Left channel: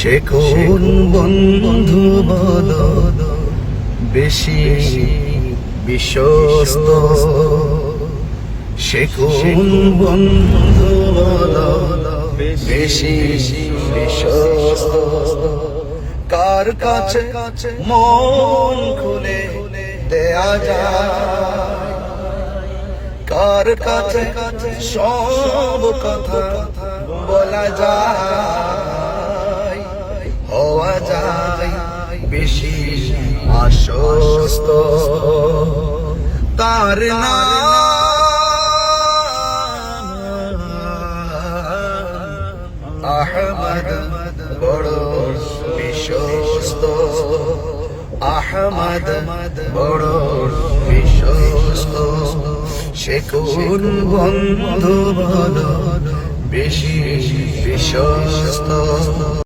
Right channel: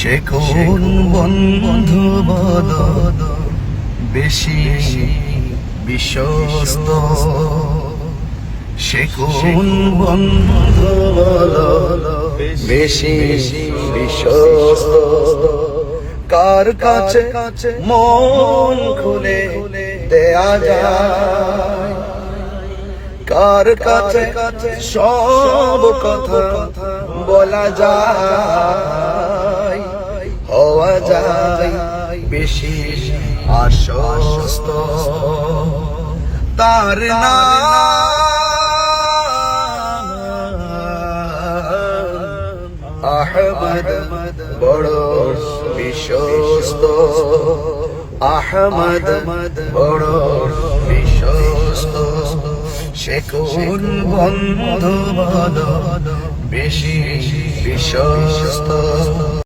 সে কোন বন্ধু বল বেশি বিশ্বস্ত, সে কোন বন্ধু বল বেশি বিশ্বস্ত, কার কাছে মন খুলে দেয়া যায়, কার কাছে সব কথা বলা যায়, হওয়া যায় বেশি আশ্বস্ত। তার নাম আহমদ, বড় বিশ্বস্ত, আহমদ বড় বিশ্বস্ত। সে কোন বন্ধু বল বেশি বিশ্বস্ত।